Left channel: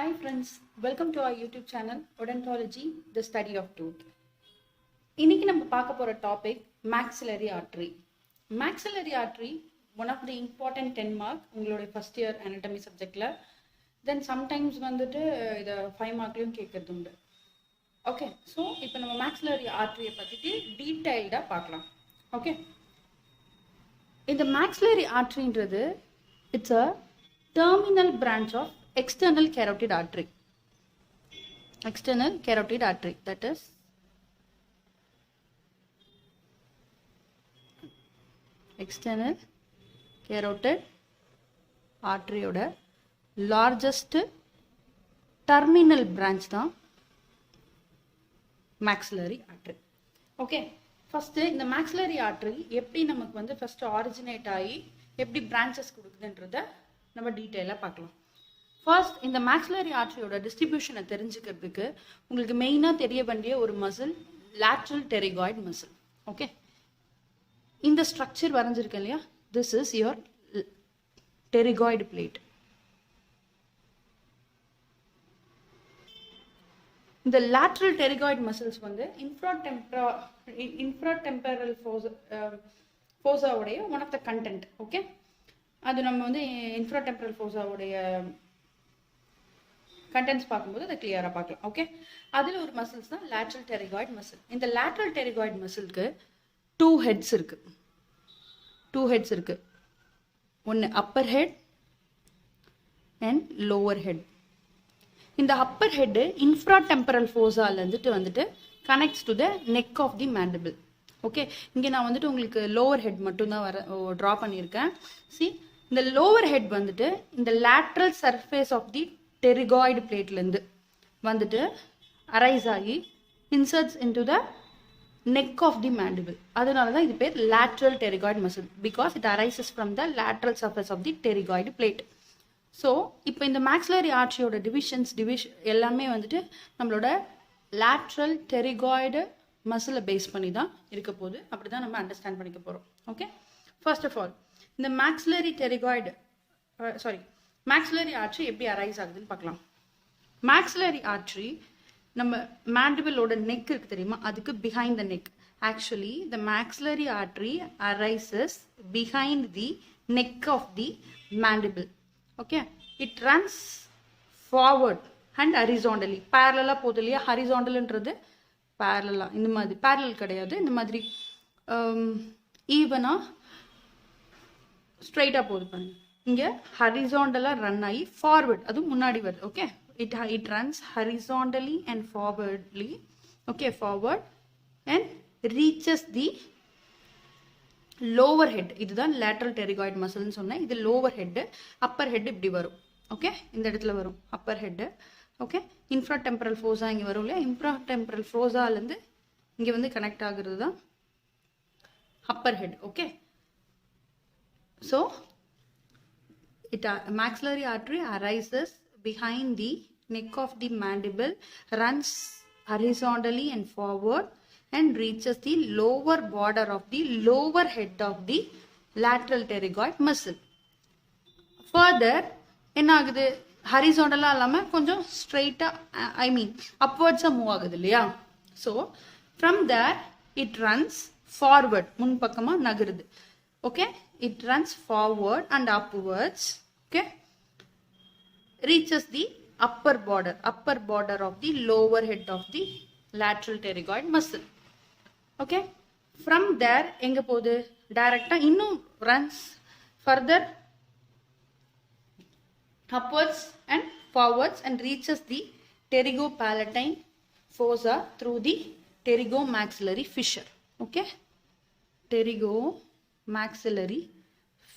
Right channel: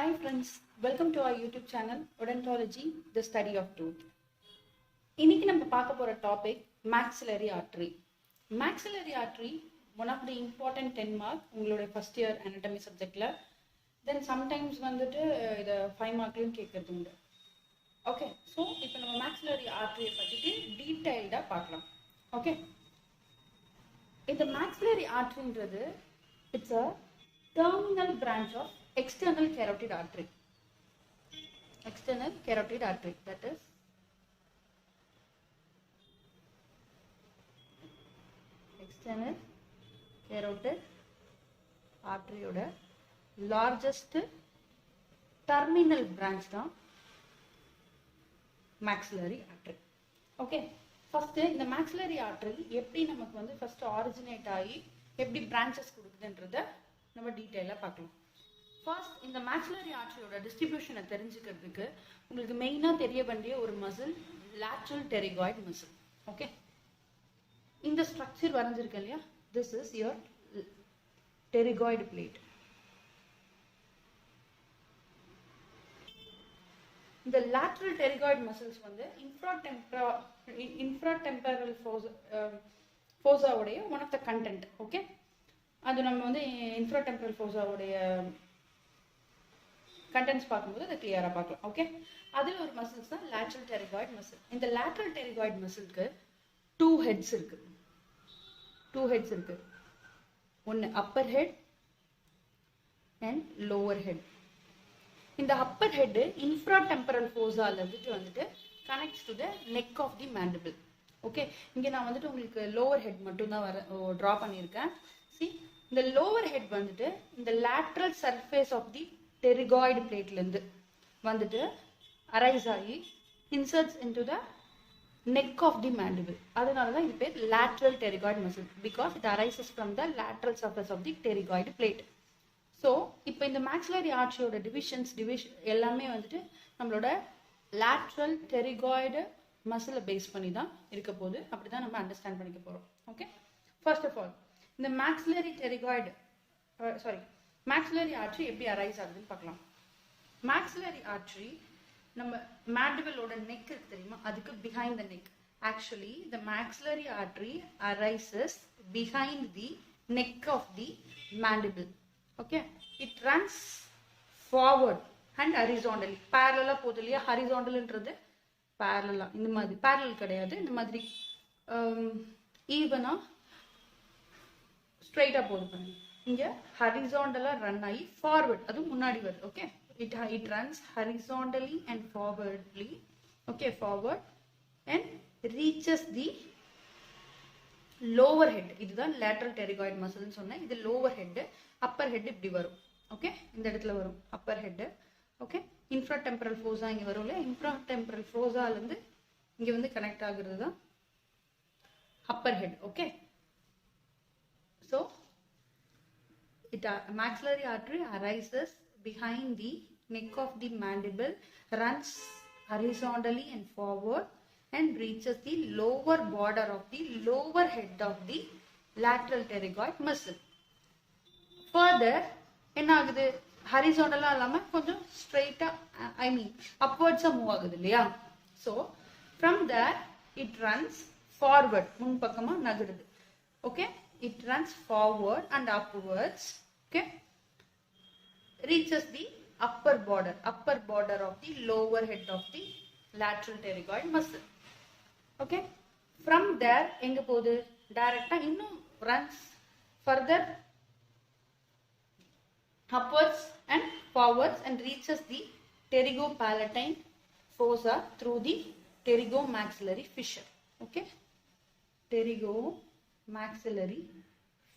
Hi friends, welcome to our YouTube channel Odontology-the Study of Tooth. இன்னைக்கு நம்ம பார்க்க போற topic maxillary artery. Maxillary artery one of the important 10 mark உங்களோட first year anatomy subjectல. Then sometimes வந்துட்டு இத 5 மார்க்லயும் கேட்கிறது உண்டு. Okay, so இப்போ நம்ம maxillary artery பத்தி டீடைலா பார்க்கலாம். Okay. இந்த maxillary arteryன்றது it's a terminal branch of external carotid artery. External carotid artery, that is external carotid artery oda largest terminal branch தான் maxillary artery. Okay, first இந்த maxillary artery எப்படி நமக்கு வந்து first originate ஆகி எப்படி branches கொடுக்குதுன்றத நம்ம டீடைலா பார்க்கலாம். First, இந்த maxillary artery ஓட distribution தெரிஞ்சுக்கிறதுக்கு உங்களுக்கு மெயினா தெரிய வேண்டிய ஒரு muscle lateral pterygoid muscle. Okay, இந்த ஸ்ட்ரக்சர் வரைஞ்சிருக்கு இல்லையா, this is your pterygoid plate. இந்த lateral pterygoid muscles வந்து infratemporal fossa உடைய one of the content. Okay, அது நம்ம வந்து infratemporal fossa உடைய contents பார்க்கும்போது அதை கிளியரா பார்க்கலாம். ஓகே, அதில் ஒரு மசில்ஸ் தான் lateral pterygoid muscle. இந்த lateral pterygoid muscleக்கு two heads இருக்கு. ஒன்று upper head and lower head. இந்த upper head infratemporal fossa வந்துட்டு connects to the neck of the mandible. Okay, இங்கே நான் வந்துட்டு உங்களுக்கு lower head மட்டும்தான் ட்ரா பண்ணியிருக்கேன். See, இந்த lower head வந்துட்டு இந்த lateral surface of the pterygoid plate லந்து வந்துட்டு arise ஆகி inserts into the neck of the mandible. அதனால தான் இது பேர் lateral pterygoid muscle because it arises from the lateral surface of the pterygoid plate. So இப்போ இந்த maxillary artery ஓட division எல்லாமே வந்துட்டு நம்மளோட lateral pterygoid muscle பேஸ் பண்ணி தான் இருக்க போகுது. அப்படி தான் நம்ம அண்டர்ஸ்டாண்ட் பண்ணிக்க போறோம். ஓகே, ஃபர்ஸ்ட் ஆஃப் ஆல் இந்த maxillary artery எப்படி அரைஸ் ஆகுதுன்னு பார்க்கலாம். maxillary artery நம்ம mandible-ஓட neck இருக்கு தெரியுமா, அதுக்கு behind the neck. Actually, the maxillary artery arises behind the neck of the mandible. Okay, it runs forward and horizontally. Parallel போகுது இல்லையா, ஹரிசாண்டல்ன்றது parallel. இந்த மாதிரி parallel கிடையாது, இந்த மாதிரி ஈவனா ஸ்ட்ரைட்டா போகுது பாருங்க. இங்க ஹரிசாண்டலா ரன் ஆகி ஃபார்வர்ட், அதுவும் முன்னாடி வருது. Okay, it runs horizontally and forwardly. Okay, forward and reaches the lower head. இதுதான் lateral pterygoid muscle னு சொன்னேன். இது lower head, upper head இப்படி வரும். ஓகே, இந்த இடத்துல வரும் upper head. Okay, infratemporal fossa இங்க வரும் இல்லையா, infratemporal fossa இருந்து இங்க வந்து கனெக்ட் ஆகுறது தான் upper head. Okay, so maxillary artery arises behind the neck of the mandible, runs horizontally and forward and reaches the lower border of the lower head of the lateral pterygoid muscle. Further என்ன ஆகுது, ஹரிசாண்டலா இல்லாம கொஞ்சம் ஸ்ட்ரைட்டா அப்வர்ட்ஸா move ஆகுது இல்லையா. So from there it runs forward, முன்பக்கமா நகருது. Okay, it runs forward and upwards. Okay, reaches the upper border of the lower head of the lateral pterygoid muscle. Okay, from there எங்க போகுது, டைரக்டா இன்னும் runs further upwards and forwards and reaches the pterygopalatine fossa through the pterygomaxillary fissure. Okay, pterygomaxillary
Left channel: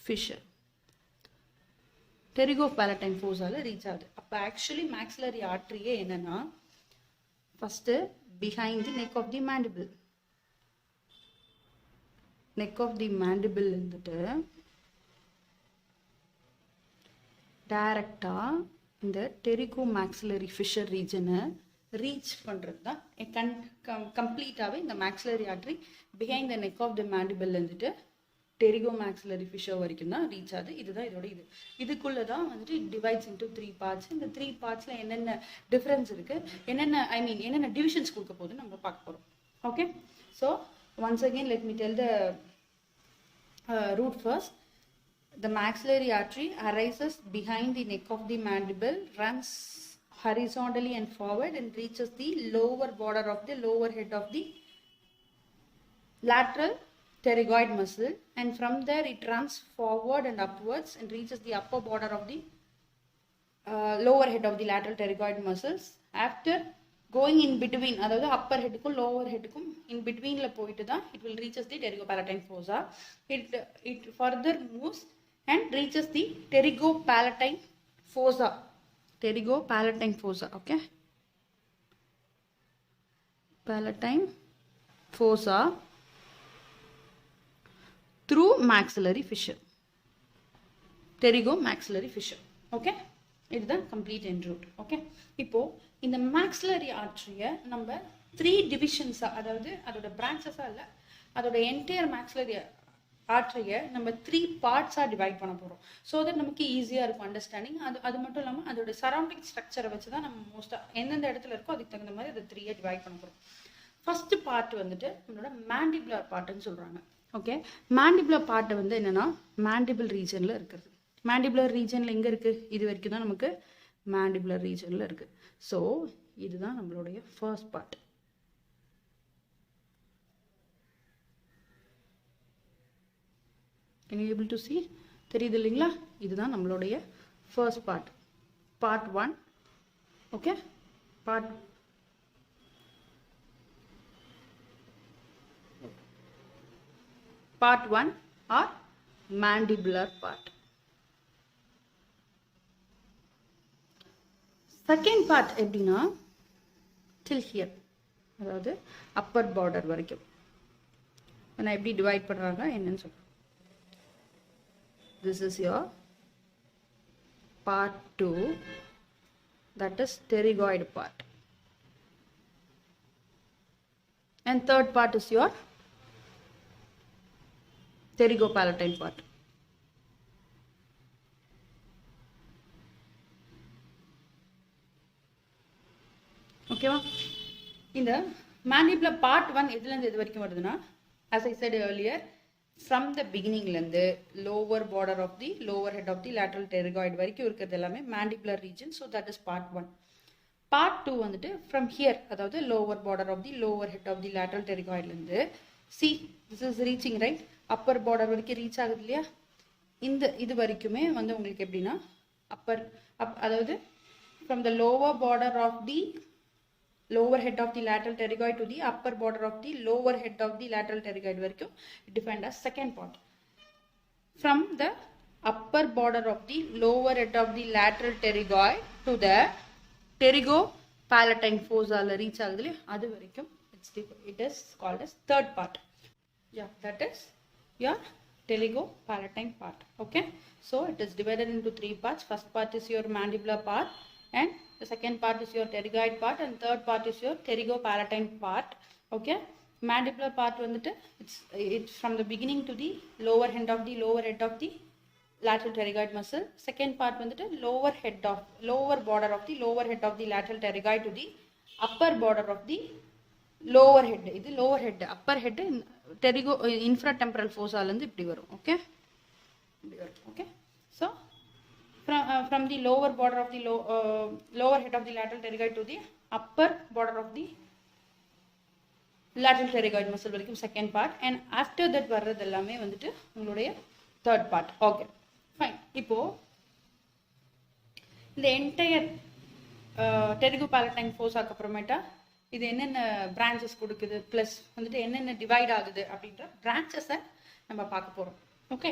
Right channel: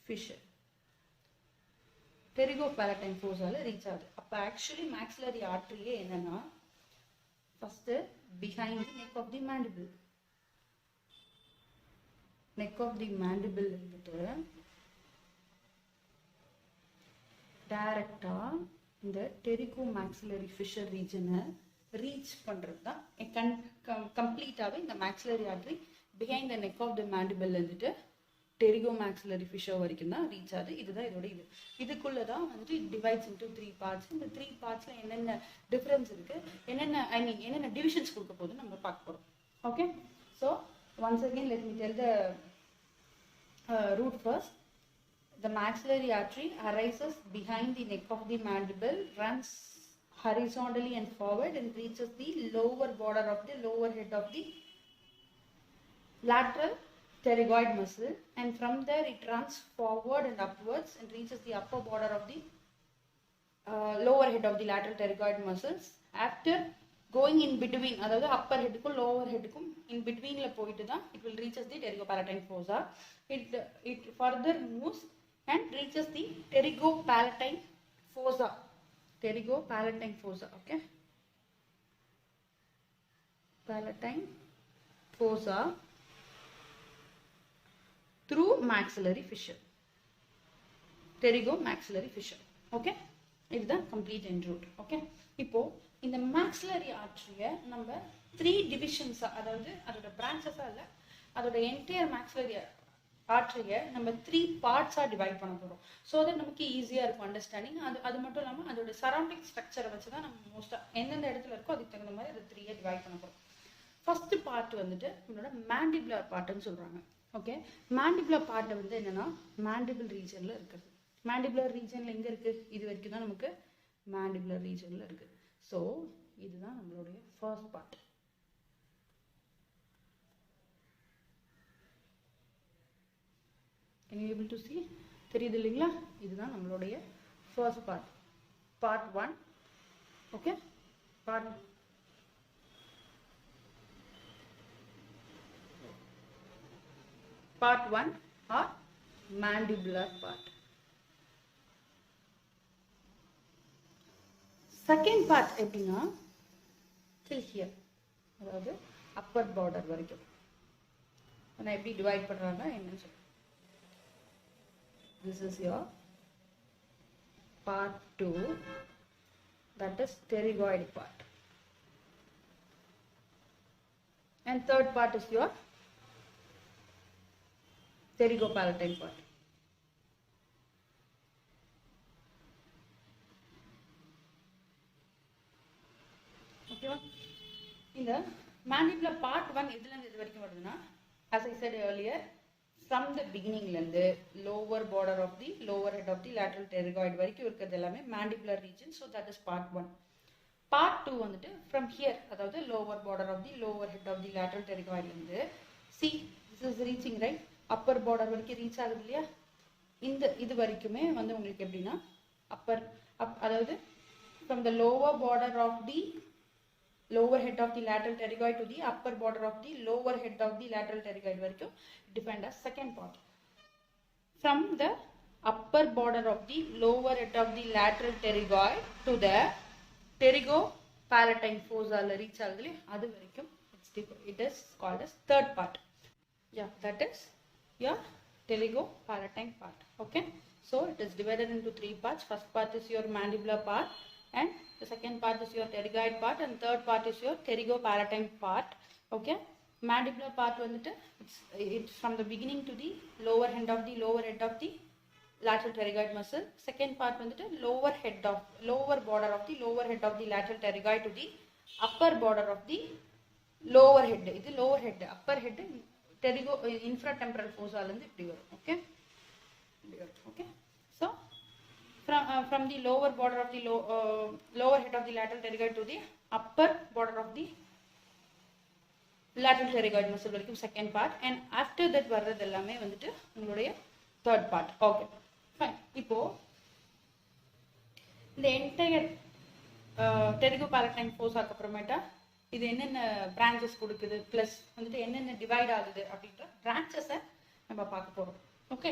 fissure, pterygopalatine fossa reach ஆகுது. அப்ப actually maxillary artery என்னன்னா first behind the neck of the mandible. neck of the mandible வந்துட்டு டைரக்டா இந்த pterygomaxillary fissure ரீஜனை reach பண்றது தான் கம்ப்ளீட்டாவே இந்த maxillary artery behind the neck of the mandible வந்துட்டு pterygomaxillary fissure வரைக்கும் தான் ரீச் ஆகுது. இதுதான் இதோட இது. இதுக்குள்ள தான் வந்துட்டு it divides into 3 parts. இந்த 3 partsல என்னென்ன டிஃபரன்ஸ் இருக்கு, என்னென்ன டிவிஷன்ஸ் கொடுக்க போகுதுன்னு நம்ம பார்க்க போறோம். Okay, so once again let me tell the root first. The maxillary artery arises behind the neck of the mandible, runs horizontally and forward and reaches the lower border of the lower head of the lateral pterygoid muscle, and from there it runs forward and upwards and reaches the upper border of the lower head of the lateral pterygoid muscles. After going in between, அதாவது upper head க்கும் lower head க்கும் in between ல போயிட்டு தான் it will reaches the pterygopalatine fossa. It further moves and reaches the pterygopalatine fossa. Pterygopalatine fossa, okay? Palatine fossa through maxillary fissure. Pterygomaxillary fissure. Okay? இதுதான் complete end route. Okay? இப்போ இந்த maxillary artery நம்ம 3 divisions, அதாவது அதோட branches இல்ல, அதோட entire maxillary artery நம்ம 3 parts divide பண்ண போறோம். so that நமக்கு ஈஸியா இருக்கும் அண்டர்ஸ்டாண்டிங். அது மட்டும் இல்லாம அதோட சரௌண்டிங் ஸ்ட்ரக்சரை வச்சு தான் நம்ம மோஸ்டா எந்தெந்த இடத்துல இருக்கோ அதுக்கு தகுந்த மாதிரி அதை 3 டிவைட் பண்ண போறோம். ஃபர்ஸ்ட் பார்ட் வந்துட்டு நம்மளோட mandibular பார்ட்னு சொல்றாங்க. ஓகே, mandibular பார்ட் வந்து என்னன்னா mandible ரீஜன்ல இருக்குது. mandibular ரீஜன்ல எங்க இருக்கு? இது வரைக்கும் தான் நமக்கு mandibular ரீஜன்ல இருக்கு. ஸோ இதுதான் நம்மளுடைய first part. Can you able to see? தெரியுது இல்லைங்களா? இதுதான் நம்மளுடைய first part, part 1. Okay, part 1 are mandibular part. Second part எப்படின்னா till here, அதாவது upper border வரைக்கும். நான் எப்படி டிவைட் பண்றாங்க என்னன்னு சொல்றேன். This is your part 2, that is pterygoid part, and third part is your pterygopalatine part. ஓகேவா? இந்த mandibular part 1 எதுல இருந்து எது வரைக்கும் வருதுன்னா, as I said earlier, from the beginning லந்து lower border of the lower head of the lateral pterygoid வரைக்கும் இருக்கிறது எல்லாமே mandibular region. so that is part 1. part 2 வந்துட்டு from here, அதாவது lower border of the lower head of the lateral pterygoid லந்து, see this is reaching right, upper border வரைக்கும் reach ஆகுது இல்லையா? இந்த இது வரைக்குமே வந்து உங்களுக்கு எப்படின்னா அதாவது from the lower border of the lower head of the lateral pterygoid to the upper border of the lower head of the lateral pterygoid வரைக்கும் defined as second part. From the upper border of the lower head of the lateral pterygoid to the pterygopalatine fossa reach ஆகுதுல, அது வரைக்கும் it is called as third part. Yeah, that is your pterygopalatine part. Okay, so it is divided into 3 parts. First part is your mandibular part, and the second part is your pterygoid part, and third part is your pterygopalatine part. Okay, mandibular part வந்துட்டு it's from the beginning to the lower head of the lateral pterygoid muscle. Second part வந்துட்டு lower border of the lower head of the lateral pterygoid to the upper border of the lower head. இது lower head, upper head infratemporal fossa ல இருந்து இப்படி வரும். Okay, okay, so from the lower border of the lower head of the lateral pterygoid to the upper border of the lateral pterygoid muscle வரைக்கும் second part, and after that வர்றது எல்லாமே வந்துட்டு உங்களுடைய third part. okay, fine. இப்போ இந்த entire pterygopalatine fossa அப்புறமேட்டா இது என்னென்ன branches கொடுக்குது plus வந்துட்டு என்னென்ன டிவைட் ஆகுது அப்படின்ற branches நம்ம பார்க்க போறோம். ஓகே,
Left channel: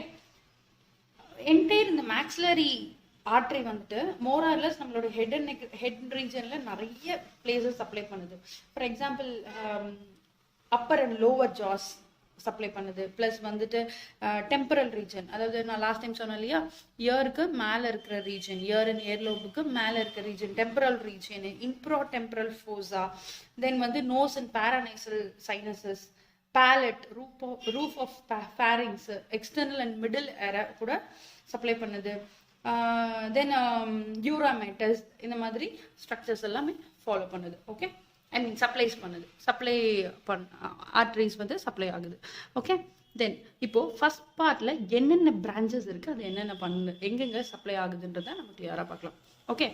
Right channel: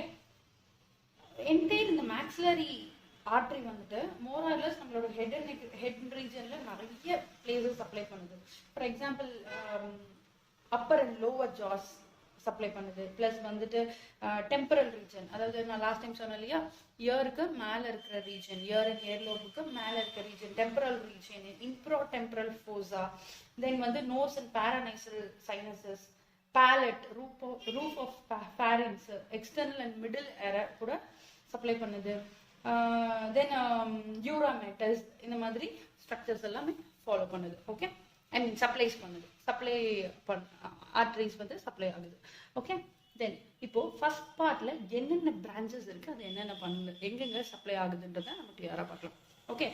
என்டையர் இந்த maxillary artery வந்துட்டு more or less நம்மளோட head regionல நிறைய places supply பண்ணுது. for example, upper and lower jaws supply பண்ணுது, plus வந்துட்டு temporal region, அதாவது நான் லாஸ்ட் டைம் சொன்னேன் இல்லையா, இயருக்கு மேல இருக்கிற ரீஜன், இயர் அண்ட் இயர்லோபுக்கு மேல இருக்கிற region temporal region, infratemporal fossa, then வந்து nose and paranasal sinuses, palate, roof of pharynx, external and middle area கூட சப்ளை பண்ணுது. தென் யூராமேட்டஸ், இந்த மாதிரி ஸ்ட்ரக்சர்ஸ் எல்லாமே ஃபாலோ பண்ணுது. ஓகே, அண்ட் சப்ளைஸ் பண்ணுது. சப்ளை ஆர்டரிஸ் வந்து சப்ளை ஆகுது. ஓகே, தென் இப்போ ஃபர்ஸ்ட் பார்ட்ல என்னென்ன பிரான்ச்சஸ் இருக்கு, அது என்னென்ன பண்ணுது, எங்கெங்க சப்ளை ஆகுதுன்றத நம்ம கிளியரா பார்க்கலாம். ஓகே,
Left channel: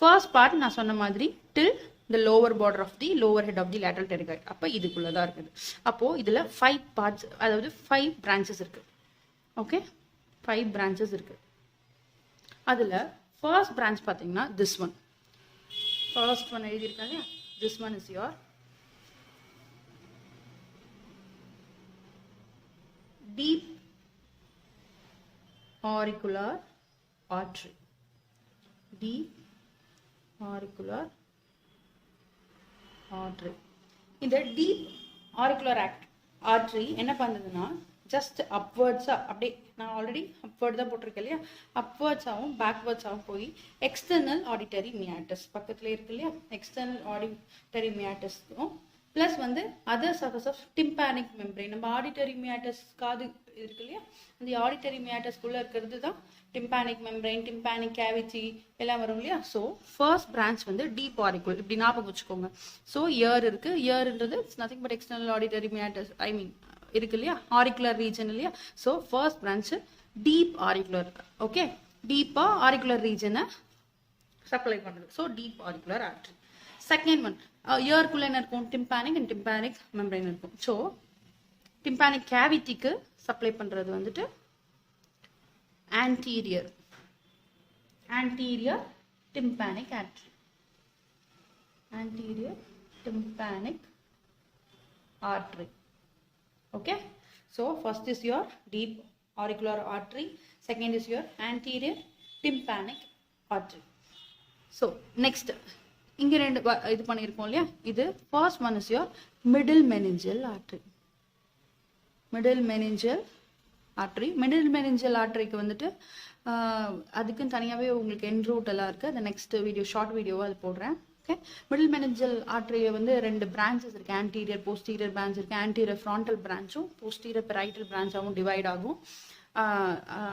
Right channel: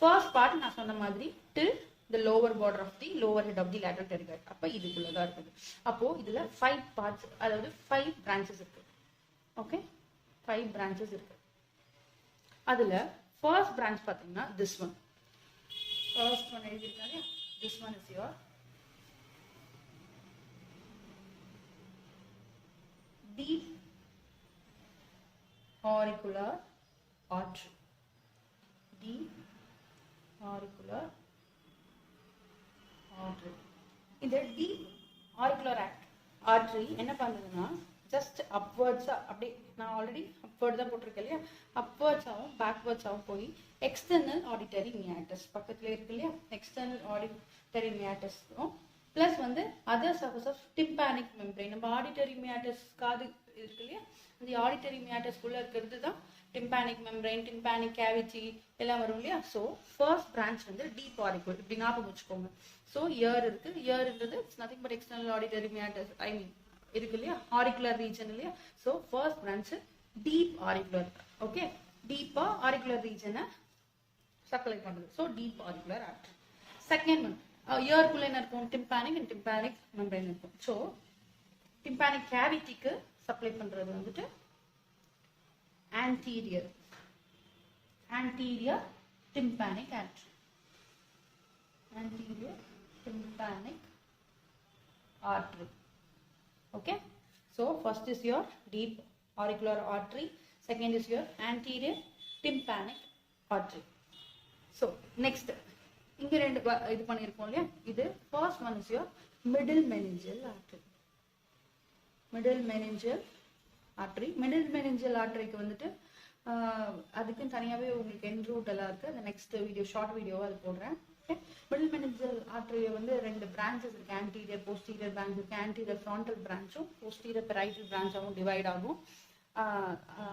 ஃபர்ஸ்ட் பார்ட் நான் சொன்ன மாதிரி டில் the lower border of the lower head of the lateral pterygoid. அப்ப இதுக்குள்ள தான் இருக்குது. அப்போ இதுல 5 parts, அதாவது 5 branches இருக்கு. ஓகே, 5 branches இருக்கு. அதுல first branch பாத்தீங்கன்னா this one. First one எழுதி இருக்காங்க. This one is your deep auricular artery. Deep auricular artery. இந்த deep auricular artery என்ன பண்ணுதுன்னா just upwards அப்படியே, நான் ஆல்ரெடி upward தான் போட்டிருக்கேன் இல்லையா, upwards ஆகும் backwards ஆகும் போய் external auditory meatus பக்கத்துல இருக்கு இல்லையா, external auditory meatus பிளஸ் வந்து other surface of tympanic membrane. நம்ம auditory meatus காது இருக்கு இல்லையா, அந்த auditory meatus குள்ள இருக்கிறது தான் tympanic membrane, tympanic cavity எல்லாம் வரும் இல்லையா. ஸோ ஃபர்ஸ்ட் பிரான்ச் வந்து டீப் ஆரிக்குலர், இப்படி ஞாபகம் வச்சுக்கோங்க. ஸோ இயர் இருக்கு, இயர்ன்றது it's nothing but external auditory matters, I mean இருக்கு இல்லையா, ஆரிக்குலர் ரீஜன் இல்லையா. So first branch deep auricular. Okay, டீப்பா ஆரிக்குலர் ரீஜனை சப்ளை பண்ணுது. So deep auricular artery. Second one இயர்க்குள்ள என்ன இருக்கும், டிம்பானிக் அண்ட் டிம்பானிக் மெம்பரைன் இருக்கும். ஸோ டிம்பானிக் கேவிட்டிக்கு சப்ளை பண்றது வந்துட்டு anterior tympanic artery. Anterior tympanic artery. Okay, so first is your deep auricular artery, second is your anterior tympanic artery. So next இங்க ரெண்டு இது பண்ணிருக்கோம் இல்லையா, இது first one is your middle meningeal artery. Middle meningeal artery. Middle meningeal arteryக்கு வந்துட்டு அதுக்கு தனியாவே உங்களுக்கு எண்ட் ரூட் எல்லாம் இருக்கு. அந்த நெக்ஸ்ட் வீடியோ ஷார்ட் வீடியோவா அது போடுறேன். ஓகே, மிடில் மெனிஞ்சல் ஆர்டரியில வந்து ரெண்டு பிரான்ச்சஸ் இருக்கு, ஆன்டீரியர் போஸ்டீரியர் பிரான்ச் இருக்கு. ஆன்டீரியர் ஃப்ரான்டல் பிரான்ச்சும் போஸ்டீரியர் பெரைட்டல் பிரான்ச்சாகவும் டிவைட் ஆகும்.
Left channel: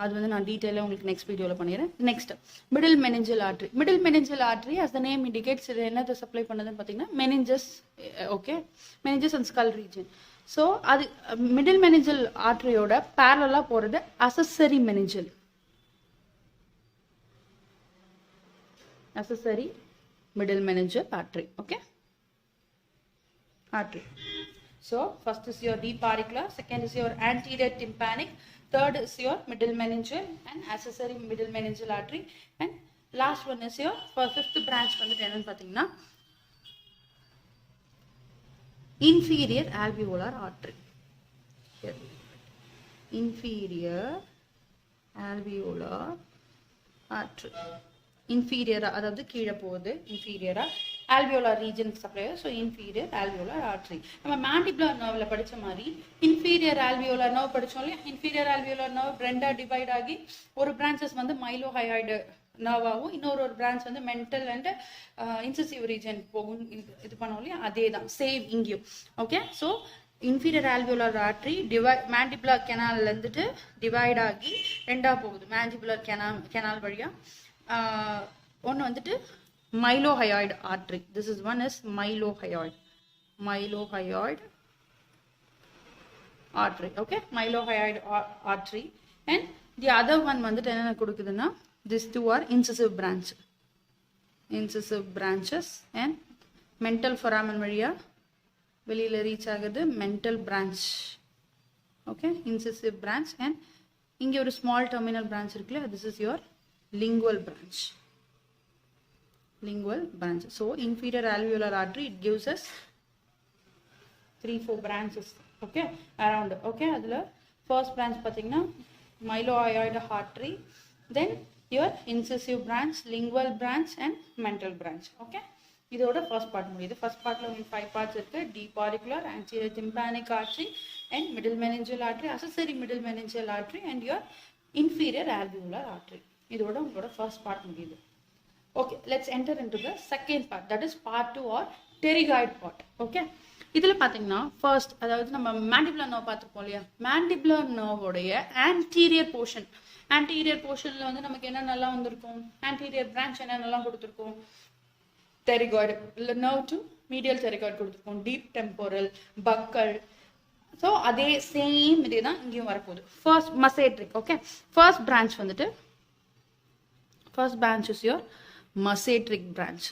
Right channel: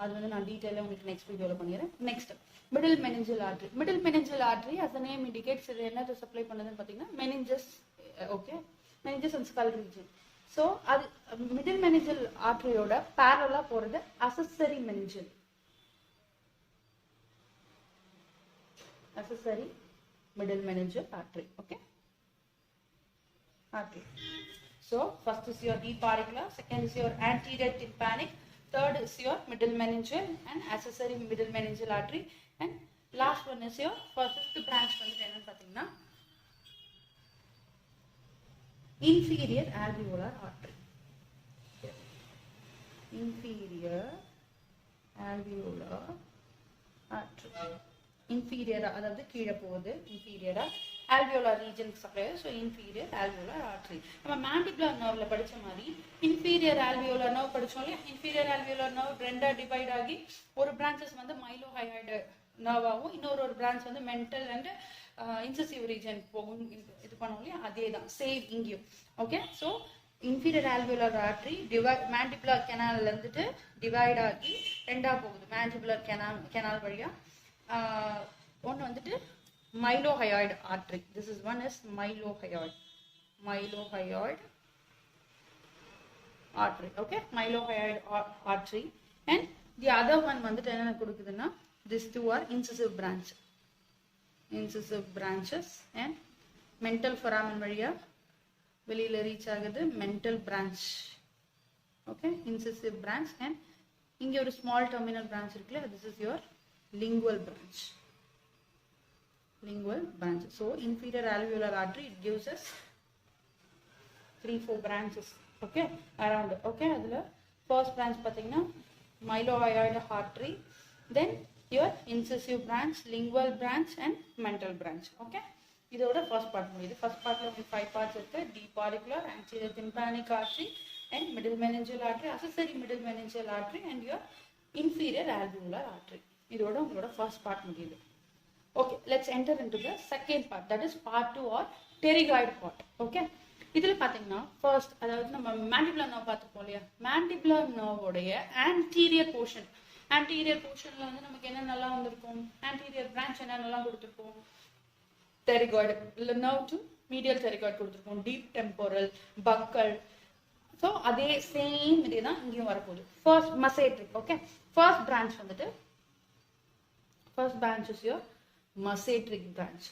அது வந்து நான் டீட்டெயிலாக உங்களுக்கு நெக்ஸ்ட் வீடியோவில் பண்ணிடுறேன். Next middle meningeal artery. Middle meningeal artery as the name indicates இது என்னத்தை சப்ளை பண்ணுதுன்னு பார்த்தீங்கன்னா meninges. Okay, meninges and skull region. So அது மிடில் மெனிஞ்சல் ஆர்டரியோட பேரலா போறது accessory meningeal. Accessory middle meningeal artery. Okay, artery. So first is your deep auricular, second is your anterior tympanic, third is your middle meningeal and accessory middle meningeal artery, and last one is your fifth branch வந்துட்டு என்னன்னு பாத்தீங்கன்னா inferior alveolar artery. Here. Inferior alveolar artery. inferior அதாவது கீழே போகுது, inferior alveolar region supply. So inferior alveolar artery. நம்ம mandibular nerveல படிச்ச மாதிரி inferior alveolar nerve படிச்சோம் இல்லையா, inferior alveolar nerve ரெண்டா டிவைட் ஆகி ஒரு branches வந்து mylohyoid nerve ஆகும், இன்னொரு branch வந்து mental and incisive region போகும். இது பண்ணோம் இல்லையா, அதே தான் சேம் இங்கேயும். Okay, so inferior alveolar artery mandibular canal இருந்துட்டு டிவைட் ஆகி ரெண்டா போகுது, mandibular canal வழியா. ஒன்னு வந்துட்டு mylohyoid artery. This is one is mylohyoid artery. Okay, mylohyoid artery. And the other one வந்துட்டு என்ன கொடுக்குதுன்னா these two are incisive branches and mental foramen வழியா வெளியில ரீச் ஆகுது mental branch. Okay, incisive branch. And இங்க ஒரு small terminal branch இருக்குல்ல, this is your lingual branch. So inferior alveolar artery, it gives us 3-4 branches. Okay, around. Okay, adula first branch pathina mylohyoid artery, then your incisive branch, lingual branch and mental branch. Okay, idoda first part mudiyudhu. First part la 5 parts irukku: deep auricular, anterior tympanic artery and middle meningeal artery, accessory middle meningeal artery and your inferior alveolar artery. இதோட உங்களோட first part முடியுது. Okay, let's enter into the second part, that is part 2 are pterygoid part. ஓகே, இதுல பாத்தீங்கன்னா first அதாவது நம்ம mandibular nerve பார்த்துருப்போம் இல்லையா, மேண்டிபுலர் நர்வோடைய ஆன்டீரியர் போர்ஷன்ல வந்து நமக்கு என்ன நல்லா வந்திருக்கும், ஆன்டீரியர் பிரான்ச் என்ன நல்லா கொடுத்துருக்கோம், pterygoid nerve to medial pterygoid கொடுத்துருக்கோம், டீப் டெம்போரல், பக்கல். ஸோ அதே சேம் இதே தான் இங்கேயும் வரப்போகுது. ஃபர்ஸ்ட் மசேட்ரிக். ஓகே, ஃபர்ஸ்ட் பிரான்ச் வந்துட்டு first branch is your masseteric branch.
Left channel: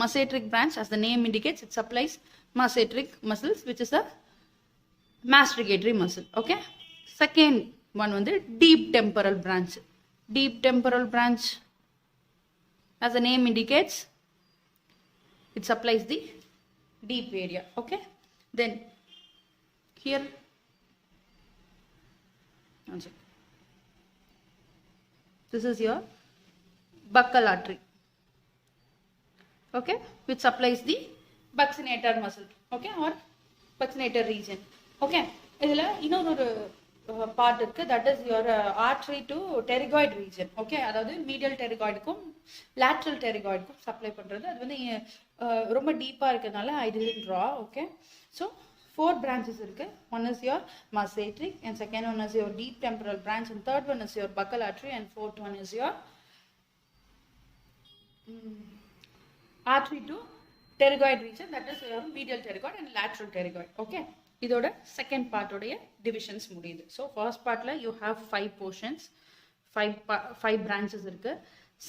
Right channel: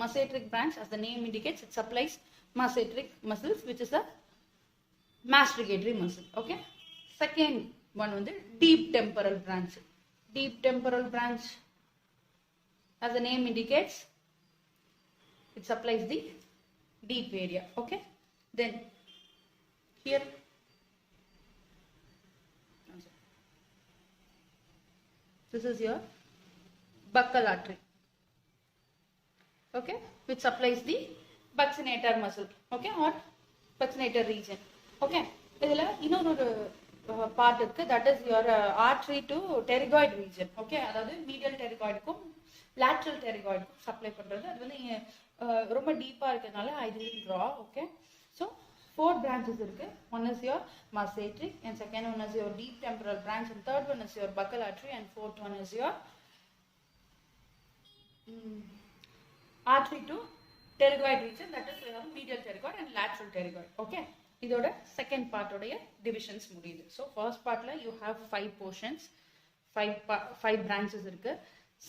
Masseteric branch, as the name indicates, it supplies masseteric muscles, which is a masticatory muscle. Okay, second one வந்து deep temporal branch. Deep temporal branch, as the name indicates, it supplies the deep area. Okay, then here this is your buccal artery, okay, which supplies the buccinator muscle, okay, or buccinator region. Okay, idhula இன்னொரு part இருக்கு, that is your artery to pterygoid region. Okay, அதாவது medial pterygoid க்கும் lateral pterygoid க்கும் supply பண்றது. அது வந்து ரொம்ப டீப்பா இருக்கனால I didn't draw. Okay, so 4 branches இருக்கு. One is your masseteric, and second one is your deep temporal branch, and third one is your buccal artery, and fourth one is your artery to pterygoid region, that is your medial pterygoid and lateral pterygoid. Okay, இதோட second part உடைய divisions முடியுது. So first partல you have 5 portions, 5 branches இருக்கு.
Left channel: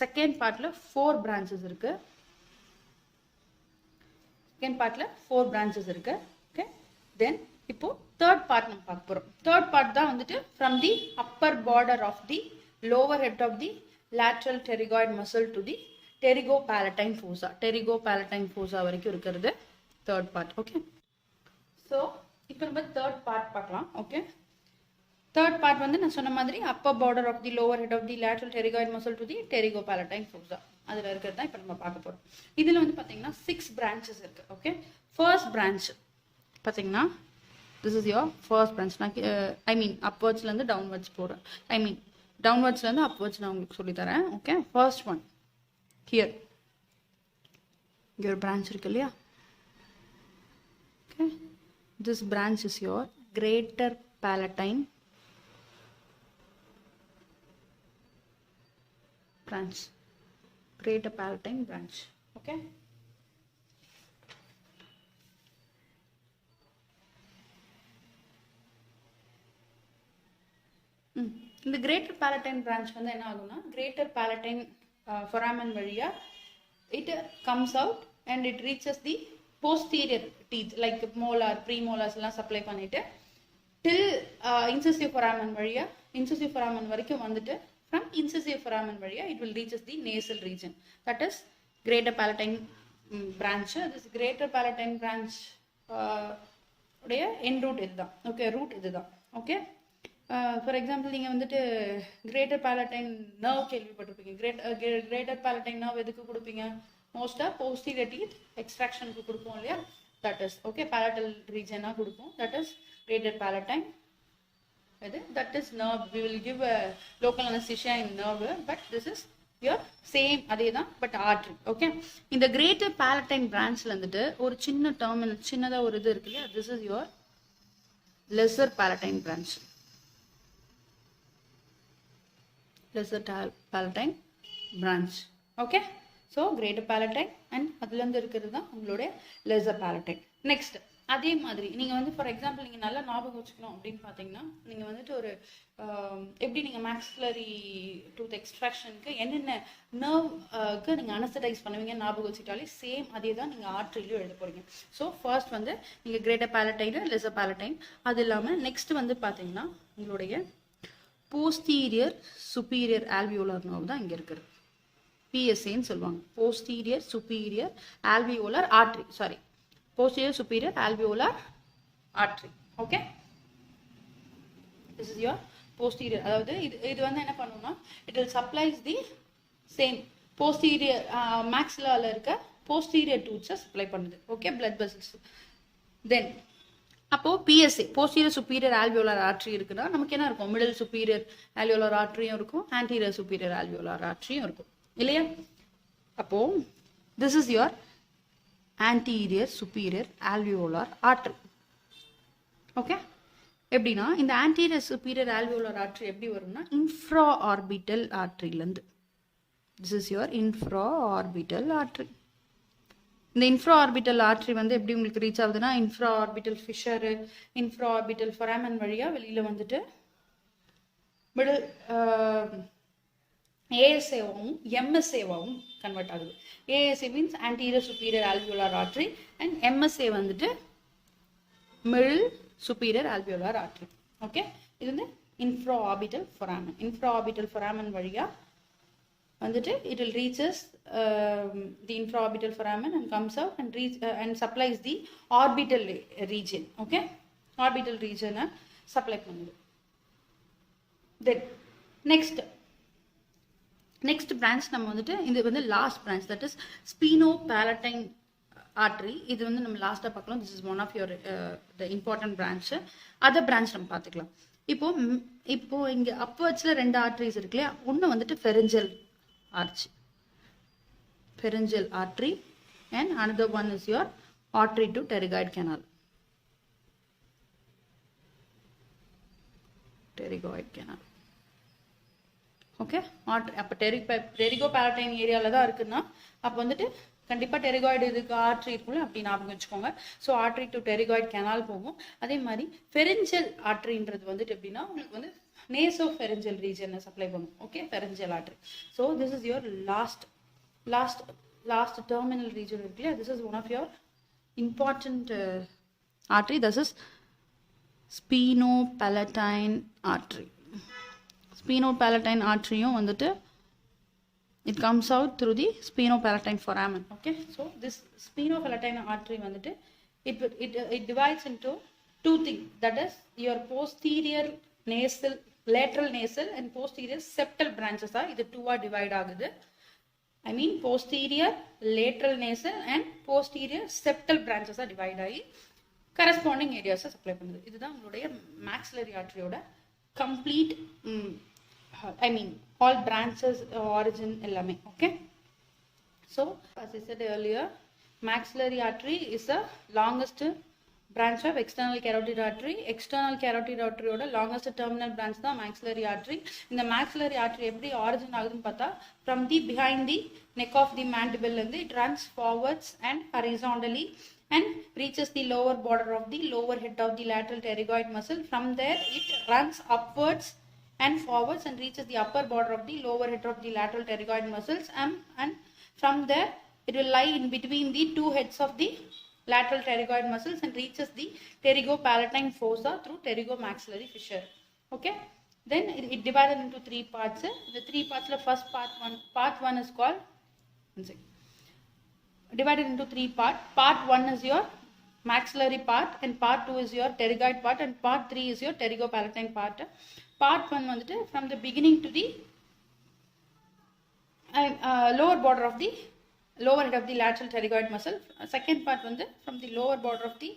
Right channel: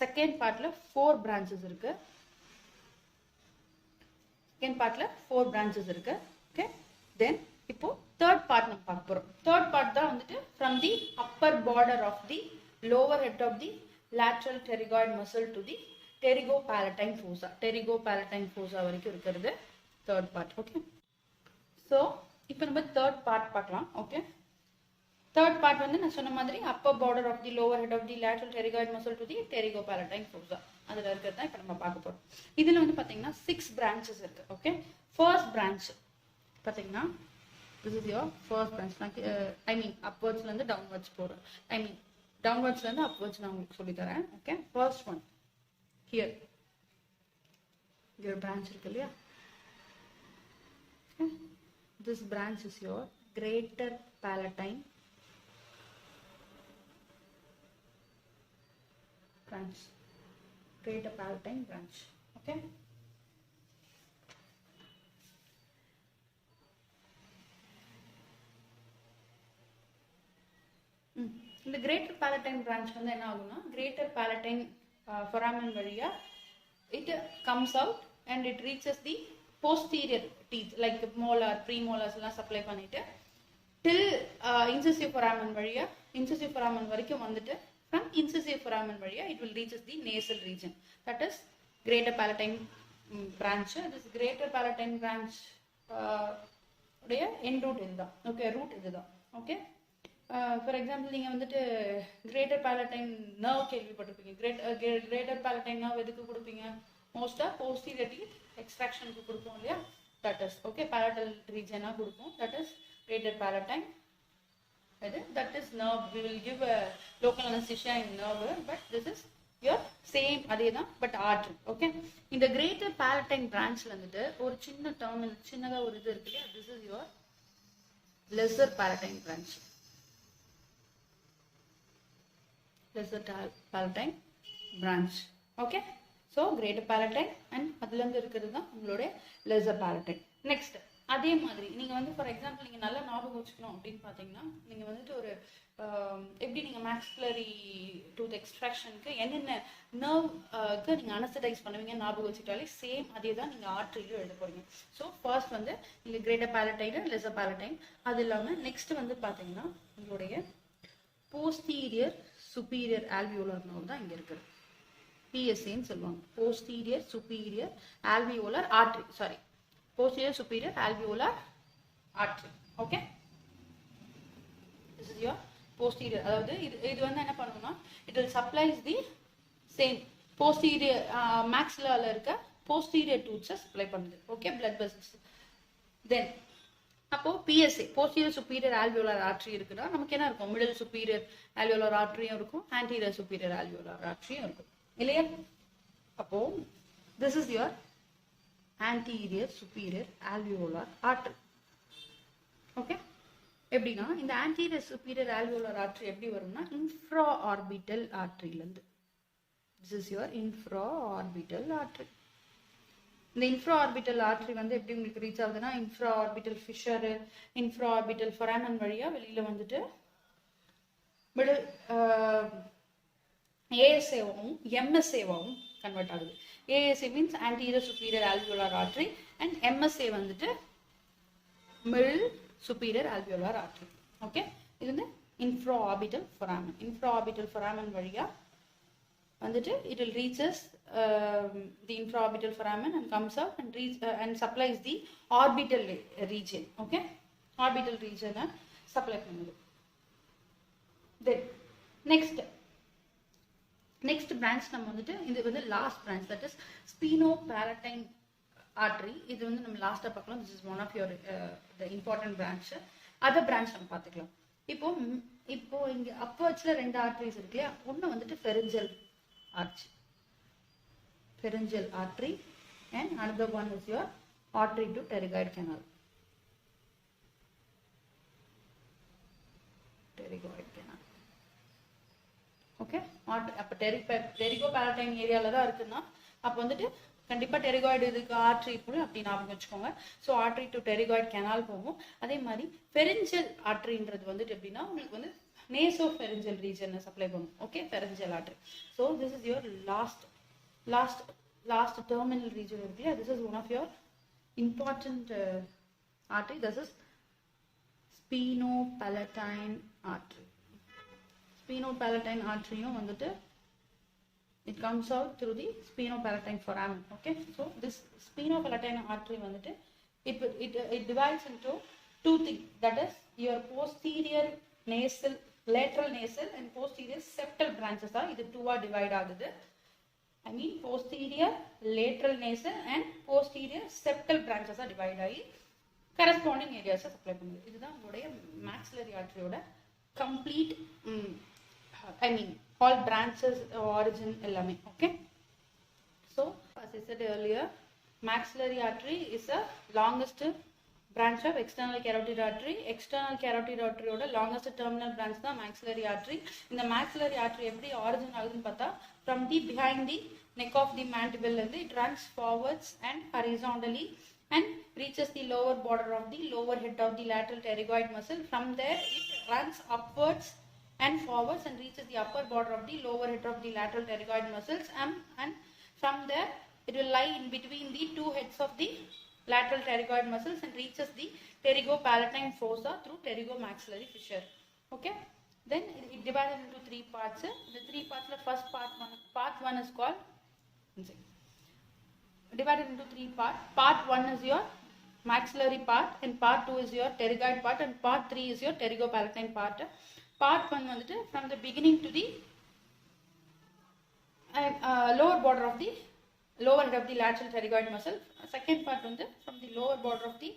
second partல 4 branches இருக்கு. second partல 4 branches இருக்கு. Okay, then இப்போ third part நம்ம பார்க்க போறோம். third part தான் வந்துட்டு from the upper border of the lower head of the lateral pterygoid muscle to the pterygopalatine fossa வரைக்கும் இருக்கிறது third part. Okay, so இப்போ நம்ம third part பார்க்கலாம். Okay, third part வந்து நான் சொன்ன மாதிரி upper border of the lower head of the lateral pterygoid muscle to the pterygopalatine fossa அதுல இருக்கிறது தான் இப்போ நம்ம பார்க்க போறோம். இதுல வந்து பாத்தீங்கன்னா 6 branches இருக்கு. Okay, first branch பாத்தீங்கன்னா this is your first branch. I mean upwards ல இருந்து downwards போறேன். I mean downwards ல இருந்து upwards நான் உங்களுக்கு சொல்லி தரேன். Okay, first one here your branch இருக்கு இல்லையா. Okay, this branch is your greater palatine branch. Okay, இந்த greater palatine branch வந்து என்ன ஆகும்னா greater palatine foramen வழியா it comes out and it reaches the posterior teeth like molar, premolars எல்லாம் supply பண்ணிட்டு till incisive foramen வழியா incisive foramen வரைக்கும் வந்துட்டு from incisive foramen வழியா it will reaches the nasal region, that is greater palatine branch. this greater palatine branch உடைய end root இதுதான். Okay, root இதுதான். Okay, for example நீங்க வந்துட்டு greater palatine nerve கேள்விப்பட்டிருப்பீங்க. greater palatine nerve எதுக்கு கொடுப்பீங்க, மோஸ்டா posterior teeth extraction க்கு கொடுப்போம் இல்லையா, that is okay palatal region ஆ கொடுப்போம், that is greater palatine. that is nerve, we will give a local anesthesia in nerve, but this is your same அதேதான் but artery. Okay, இந்த greater palatine branchல வந்துட்டு ஒரு சின்ன terminal சின்னதா ஒரு இது இருக்கு இல்லையா, this is your lesser palatine branch. Okay, so greater palatine and அதுல இருந்து இருக்கிறது தான் உங்களோட lesser palatine. next அதே மாதிரி நீங்க வந்து ஃபார் எக்ஸாம்பிள் நீங்க நல்லா ஞாபகம் வச்சுக்கணும் அப்படின்னு பாத்தீங்கன்னா நீங்க வந்துட்டு ஒரு எப்படி நீங்க maxillary tooth extractionக்கு என்னென்ன நர்வ்க்கு நீங்க அனஸ்தடைஸ் பண்ணுவீங்க ஞாபகம் வச்சுட்டாலே சேம் அதே தான் நீங்க ஆர்டரியில எழுத போறீங்க. ஸோ ஃபர்ஸ்ட் வந்து நீங்க greater palatine, lesser palatine, அது இல்லாம நெக்ஸ்ட் வந்து பாத்தீங்கன்னா உங்களுடைய posterior superior alveolar nerve தான் இங்க இருக்குது, PSA ன்னு சொல்லுவாங்க. posterior superior alveolar artery, sorry, posterior superior alveolar artery. Okay, this is your posterior, அதாவது இது வந்து என்ன பண்ணும்னா it will supplies the same posterior maxilla ல இருக்க posterior tooths supply பண்ணுது. Okay, blood vessels. then அப்போ PSA posterior superior alveolar artery இருக்குன்னா நமக்கு என்ன இருக்கும், middle superior alveolar arteryயும் இருக்கும், anterior superior alveolar arteryயும் இருக்கும் இல்லையா. அப்போ this is your anterior superior alveolar artery. Okay, எப்படின்னா இந்த anterior superior alveolar artery எப்படி வரும்னா infraorbital arteryலேருந்து. This is your infraorbital artery. இந்த infraorbital artery வந்து எப்படி உங்களுக்கு ரீச் ஆகுதுன்னா infraorbital fissure, infraorbital foramen வழியா வெளியில வந்துட்டு மிடில் ASAவும் MSAவும் கன்வெர்ட் ஆகுது. ASA means anterior superior alveolar artery and MSA வந்துட்டு middle superior alveolar artery. Okay, இது வந்து infraorbital foramen. Infraorbital foramen வழியா வந்துட்டு it will reaches the infraorbital foramen and comes out and and supplies the orbital region. Okay, orbital region supply பண்ணுது. Then next branch நம்ம வந்துட்டு இது வந்து last branch, that is spinopalatine artery. இது வந்து நம்ம லாஸ்டா பார்க்கலாம். This is one of your the important branch. other branch நம்ம பார்த்துக்கலாம். இப்போ இங்க upwardsல ரெண்டு arteries இருக்கு இல்லையா, ஒன்னு வந்துட்டு pharyngeal artery and another one is your artery to pterygoid canal. Okay, அப்போ டெரிகோபாலடைன் ஏரியாவில் தான் இருக்குன்னா அப்போ வந்துட்டு கண்டிப்பாக டெரிகாய்டு இதுக்கு ஆர்ட்ரி இருக்குல்ல, அப்படி ஞாபகம் வச்சுக்கோங்க. So artery to pterygoid canal போகும். அதே மாதிரி ஃபெரிஞ்சல் ஆர்ட்ரின்றது வந்துட்டு எப்படின்னா உங்களுக்கு வந்து நேசோ ஃபெரிஞ்சல் ரீஜனை சப்ளை பண்ணும். Okay, pharyngeal artery. So this is your last terminal region இருக்கு இல்லையா, this is one of your important artery. This is spinopalatine artery. Spinopalatine artery வந்துட்டு it comes out through the spinopalatine foramen. Okay, so this spinopalatine artery வந்துட்டு it divides into two things, that is your posterior nasal, lateral nasal and posterior septal branches are இது two divide ஆகுது. I mean posterior lateral nasal and posterior septal branches are divide ஆகி corresponding areas supply பண்ணுது. இதுதான் உங்களுடைய maxillary artery ஓட complete I mean all branches origin எல்லாமே. Okay, so as I said earlier, maxillary artery is the longest branch of external carotid artery. External carotid artery ஓட longest terminal branch தான் maxillary artery. இந்த maxillary artery எப்படி origin ஆகுதுன்னு பார்த்தா from the behind the neck of the mandible இருந்து it runs forwards and horizontally and reaches the lower border of the lower head of the lateral pterygoid muscle. From there it runs upwards and forwards and reaches the upper border of the lower head of the lateral pterygoid muscles, and from there it will lie in between the two heads of the lateral pterygoid muscles and reaches the pterygopalatine fossa through pterygomaxillary fissure. Okay, then it divided into three parts. The three parts, the first part one is called divided into three parts. Part 1 is your maxillary part and part 2 is your pterygoid part and part 3 is your pterygopalatine part. Part 1 வந்துட்டு from the beginning to the lower border of the lower head of the lateral pterygoid muscle. Second part வந்து from the lower border of the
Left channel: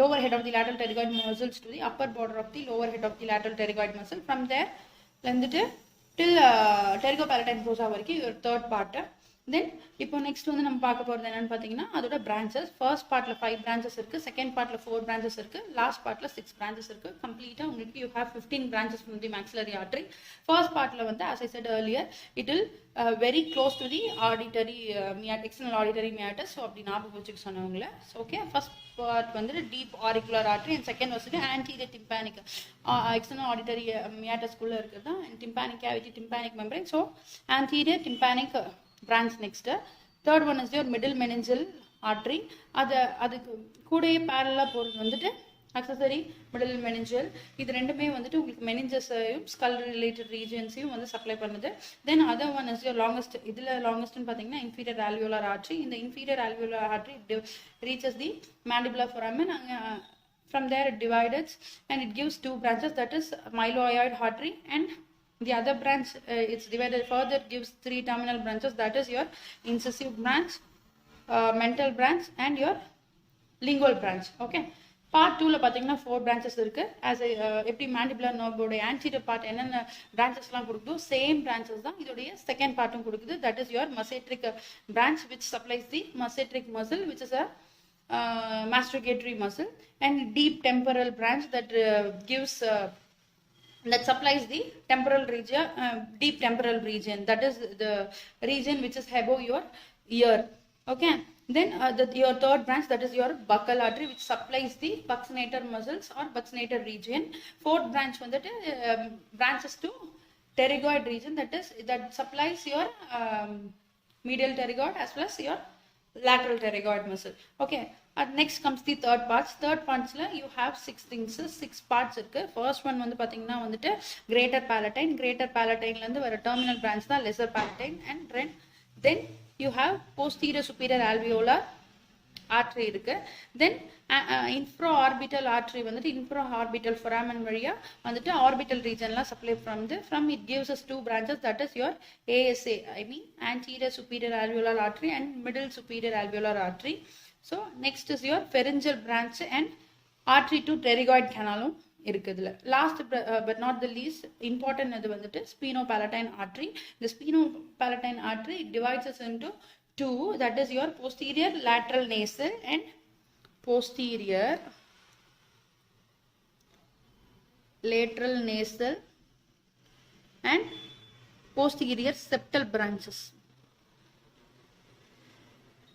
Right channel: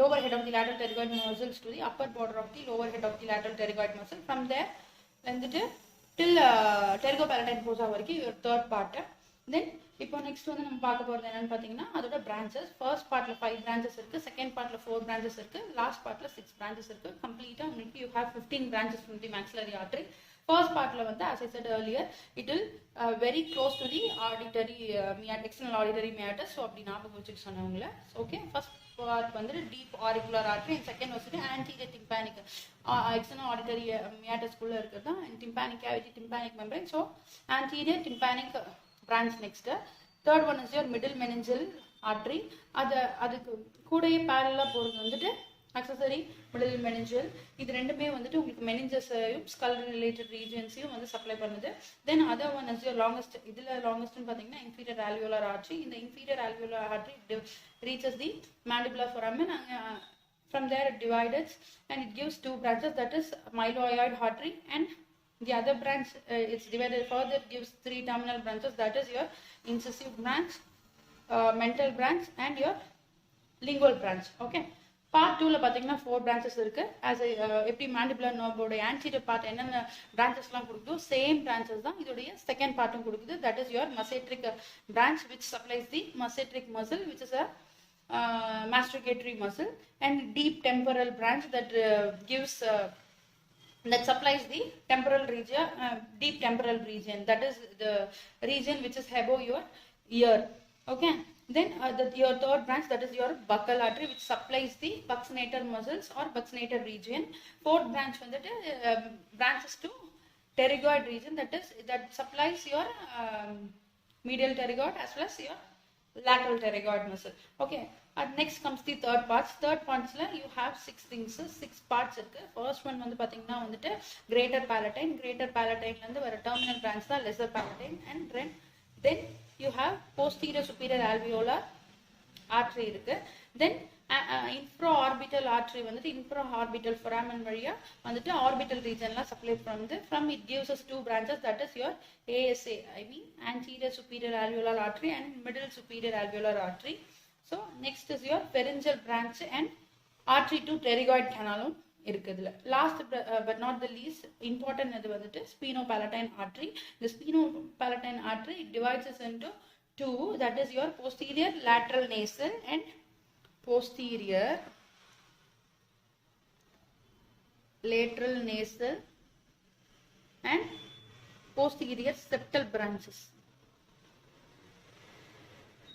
lower head of the lateral pterygoid muscles to the upper border of the lower head of the lateral pterygoid muscle. From there வந்துட்டு till pterygopalatine fossa வரைக்கும் your third part. Then இப்போ next வந்து நம்ம பார்க்க போகிறது என்னன்னு பார்த்தீங்கன்னா அதோட பிரான்ச்சஸ். ஃபர்ஸ்ட் பார்ட்ல 5 பிரான்ச்சஸ் இருக்கு, செகண்ட் பார்ட்ல 4 பிரான்ச்சஸ் இருக்கு, லாஸ்ட் பார்ட்ல 6 பிரான்ச்சஸ் இருக்கு. கம்ப்ளீட்டா உங்களுக்கு you have 15 branches from the maxillary artery. First பார்ட்ல வந்து as I said earlier it will very close to the auditory external auditory meatus. So அப்படி ஞாபகம் வச்சுக்க சொன்னவங்கள. ஓகே, ஃபர்ஸ்ட் பார்ட் வந்து deep auricular artery and second வந்து anterior tympanic external auditory meatus குள்ள இருக்கிறது தான் tympanic cavity, tympanic membrane. So anterior tympanic branch. next third one is your middle meningeal artery. அதுக்கு கூடயே parallel போறது வந்துட்டு accessory middle meningeal. இது ரெண்டுமே வந்துட்டு உங்களுக்கு meninges skull related regionsையும் வந்து சப்ளை பண்ணுது. then other one is your longest. இதுல longest ன்னு பாத்தீங்கன்னா inferior alveolar artery. இந்த inferior alveolar artery reaches the mandibular foramen. From there it divides and it gives two branches, that is myloid artery, and the other branch it's divided further, gives 3 terminal branches, that is your incisive branch, mental branch and your lingual branch. Okay, part 2ல பாத்தீங்கன்னா 4 branches இருக்கு. as எப்படி mandibular nerve ஓட anterior part என்னென்ன branchesலாம் கொடுக்குதோ same branches தான் இதோடைய second பார்ட்டும் கொடுக்குது. that is your masseteric branch which supplies the masseteric muscle which is a masticatory muscle, and deep temporal branch that gives that supplies the temporal region, deep temporal region, that is the region which is above your ear. Okay, then your third branch, that is your buccal artery which supplies the buccinator muscles or buccinator region. Fourth branch வந்துட்டு branches to pterygoid region, that supplies your medial pterygoid as well as your lateral pterygoid muscle. Okay, next comes the third parts. Third parts la you have 6 parts இருக்கு. first one வந்து பாத்தீங்கன்னா வந்துட்டு greater palatine. greater palatine ல இருந்து வர terminal branch தான் lesser palatine, and then you have posterior superior alveolar artery இருக்கு. then infraorbital artery வந்துட்டு infraorbital foramen வழியா வந்துட்டு orbital region ல supply from it gives us 2 branches, that is your ASA, I mean anterior superior alveolar artery and middle superior alveolar artery. so next is your pharyngeal branch and artery to pterygoid canalum இருக்குதுல. last but not the least important அது வந்துட்டு spinopalatine artery. the spinopalatine artery divides us into two, that is your posterior lateral nasal and posterior lateral nasal and posterior septal branches,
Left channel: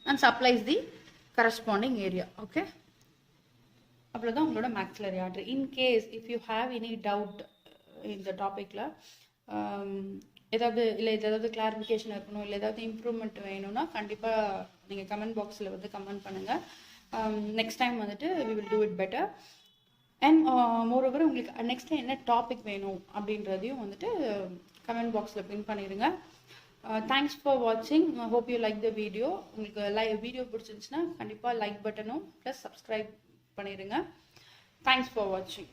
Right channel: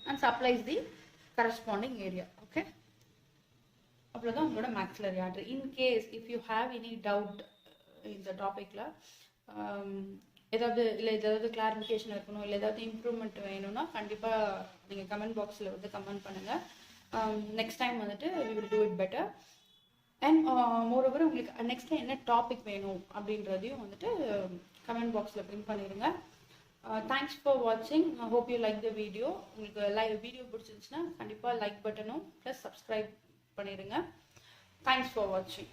and supplies the corresponding area. okay, அவ்வளவுதான் உங்களோட maxillary artery. in case if you have any doubt in the topicல ஏதாவது clarification இருக்கணும், இல்லை ஏதாவது improvement வேணும்னா கண்டிப்பா நீங்க comment பாக்ஸ்ல வந்து கமெண்ட் பண்ணுங்க. நெக்ஸ்ட் டைம் வந்துட்டு we will do it better. and moreover உங்களுக்கு நெக்ஸ்ட் என்ன டாபிக் வேணும் அப்படின்றதையும் வந்துட்டு கமெண்ட் பாக்ஸ்ல பின் பண்ணிடுங்க. தேங்க்ஸ் ஃபார் வாட்சிங். Hope you like the video. உங்களுக்கு வீடியோ பிடிச்சிருந்துச்சுன்னா கண்டிப்பா லைக் பட்டனும் ப்ளஸ் சப்ஸ்கிரைப் பண்ணிடுங்க. தேங்க்ஸ் ஃபார் வாட்சிங்.